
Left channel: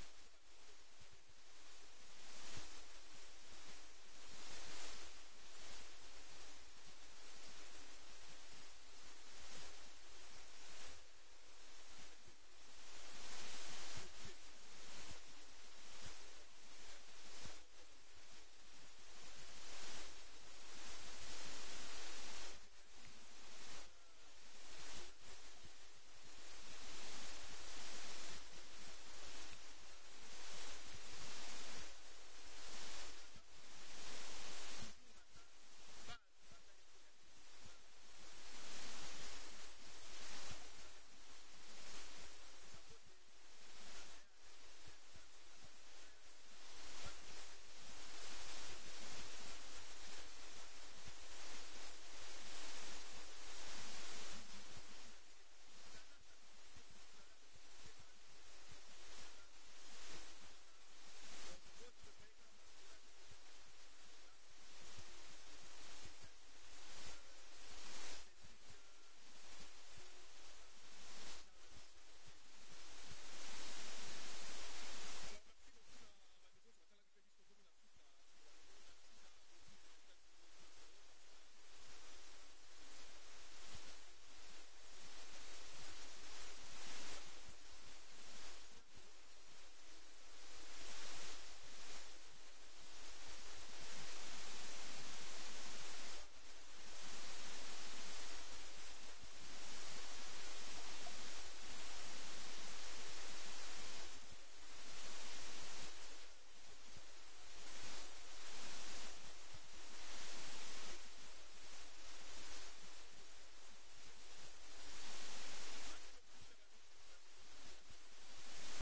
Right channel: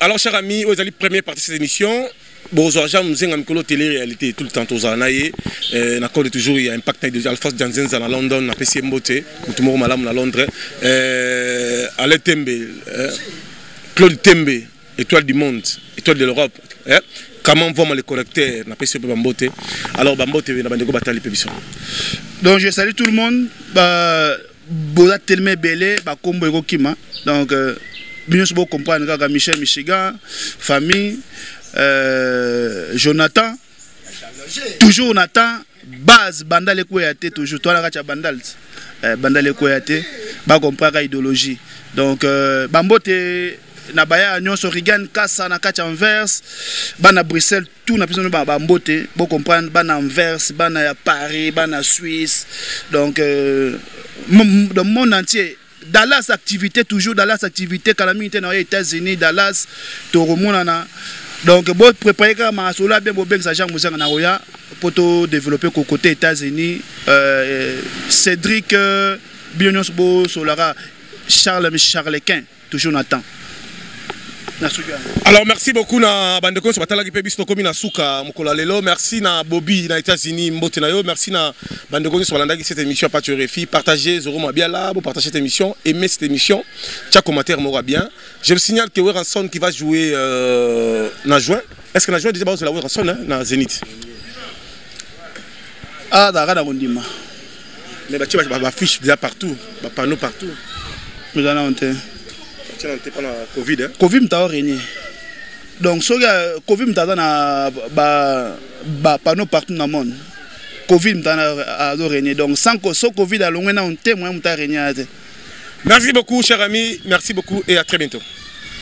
Alors cher ami, vous allez première partie de cette émission. Bonjour, nous avons une télé-réalité tout le temps aux années. On a toujours il y a impact de Alphonse Janssen à London, à PC Mbote, Moutoumou Malam à Londres. Alain Tembe, Claude Tembe, étoile du monde, étoile de l'Europe. Comment vont les correcteurs na PC Mbote. Alors Mbote na bandeko batali pébition. Donc je salue tout le monde. Boza tellement belé, ba kombo eko kima. Donc bien sûr comprendre que Michel Michigan, famille Jonathan, toujours Nathan, base bandale koyate toujours toi la bandal bandale koyate, ba comprendre idéologie. Donc Bambote na baya nyonso Rigan Kassa na kati Anvers, bana Bruxelles tout na besoin ba Bambote, bo comprendre bana Anvers, bana Paris, bana Suisse. Donc dans le monde entier Dallas activité toujours Dallas activité calamité dans les États-Unis Dallas to remonana Donc, bon, préparer comme un solo, bien, bon, ça Jean Moussa Naroya pour développer côté États-Unis. Cédric Bionios Bo Solara, Charles Quint, toujours Nathan. Alors merci beaucoup na bandeko so batala ki pe biso komi na suka mokola lelo, merci na Bobby na États-Unis mbote na yo, merci na bandeko so balanda ki cette émission pas refi, partagez Zoro Mabiala, vous partagez cette émission, aimez cette émission, tcha commentaire m'aura bien. Je me signale que Weranson qui va jouer na juin. Est-ce que na juin déjà ba la Weranson na Zénith? Ah d'accord Gondima. Mais tu vas affiche déjà partout, ba panneau partout. Mais là on te pendant Covid. Covid m'a régné. Donc, si Covid m'a panneau partout dans le monde. Covid m'a régné. Donc, sans Covid, on témoin m'a régné. Merci beaucoup, cher ami. Merci beaucoup et à très bientôt.